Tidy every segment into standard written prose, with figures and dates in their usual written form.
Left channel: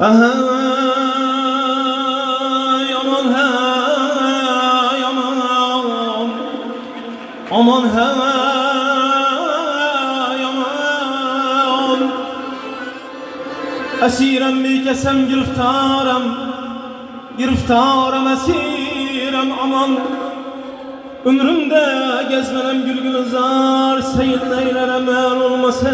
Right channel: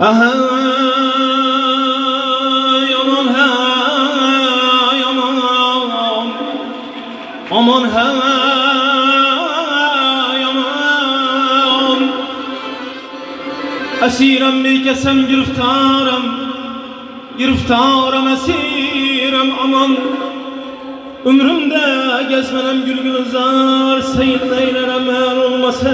Aha yaman ha yaman aman ha yaman esirem mi kesem giriftarem esirem aman ömrümde gezmenem gülgülüzar seyirleylerem er olmasa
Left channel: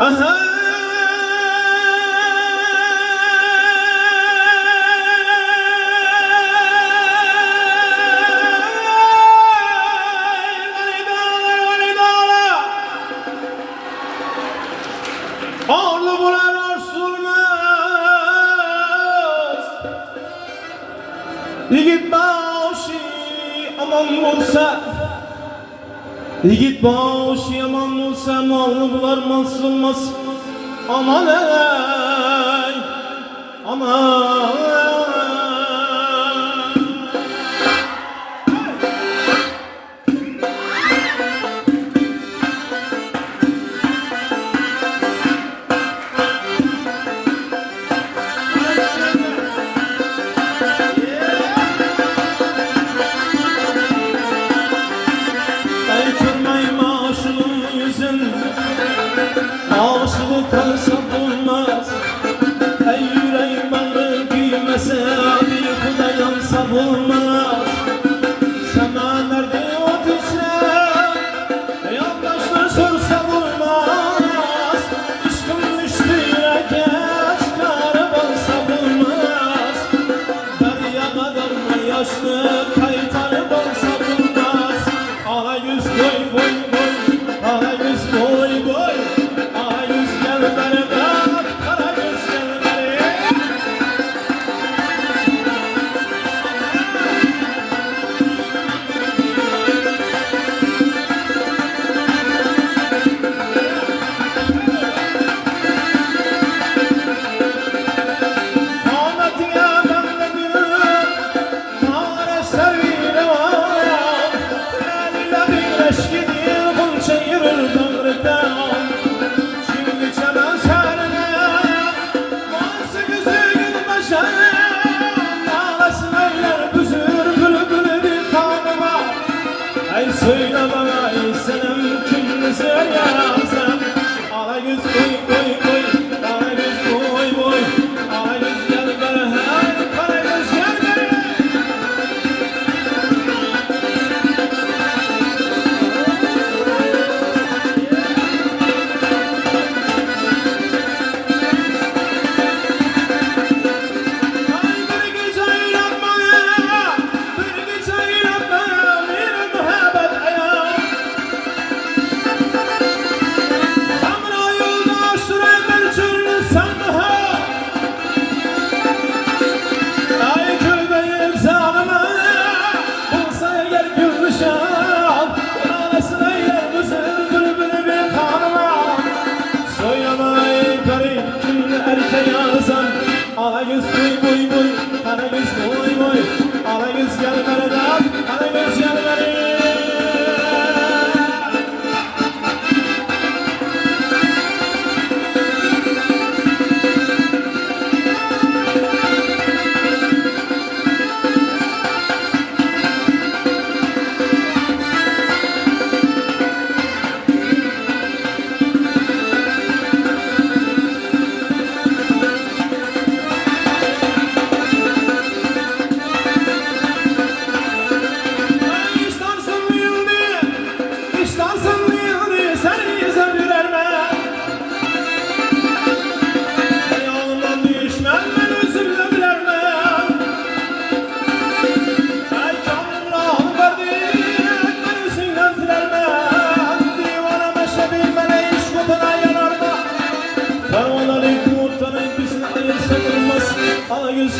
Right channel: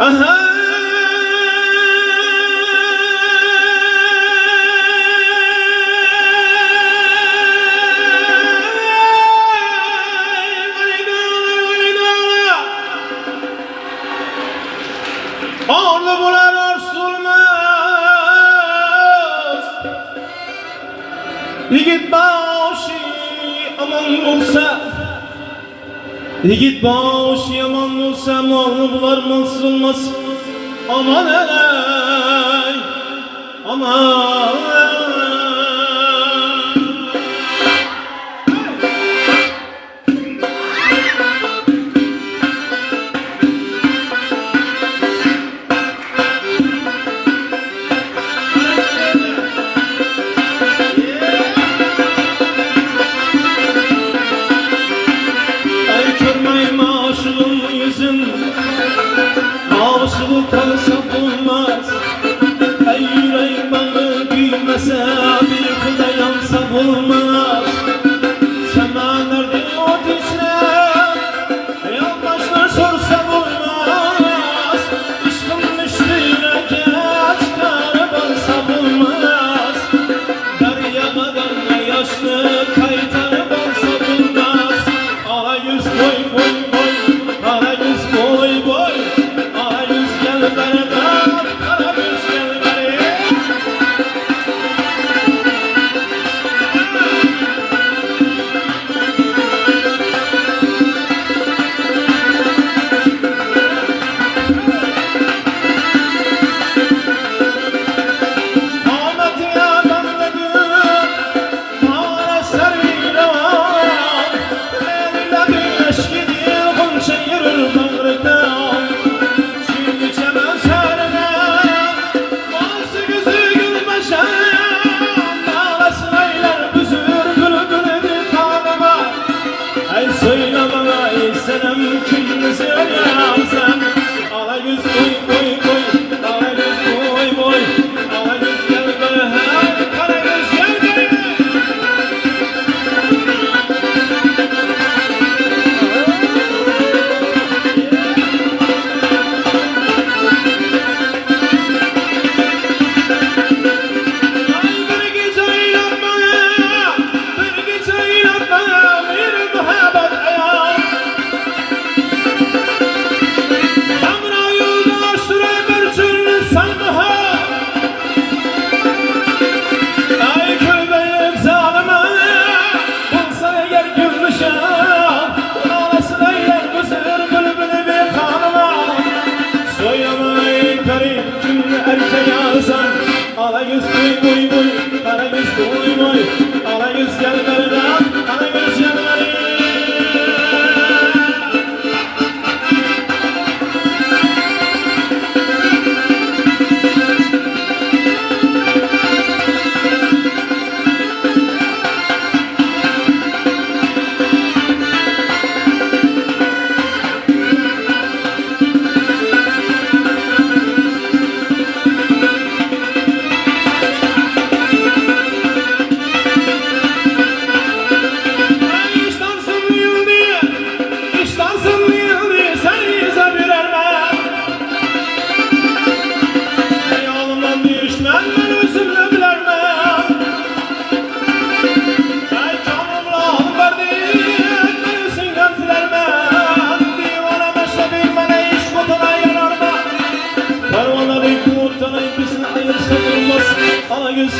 aha ağlı bular arsulmaz yigit başı aman olsa yigit başı yaman olsa malını bular mansız olmaz aman ey aman aşık kalsa bulmaz ey yüreğim bağı büyümese bir kıda yansa bulmaz sana nerede o tüsler yandaşlar sorsa bulmaz işkın üstüne geç karabansa bulmaz derya kadar ne yaşlı kaytarı bansa bulmaz aha yüz boy boy boy aha yüz boy boy söyle bana istemem kimse yazan ala göz koy koy koy ala göz koy koy ala göz gel gel hey kara göz gel gel ala yüz boy boy boy ala yüz boy boy ala yüz gel gel ala yüz gel gel Yüz,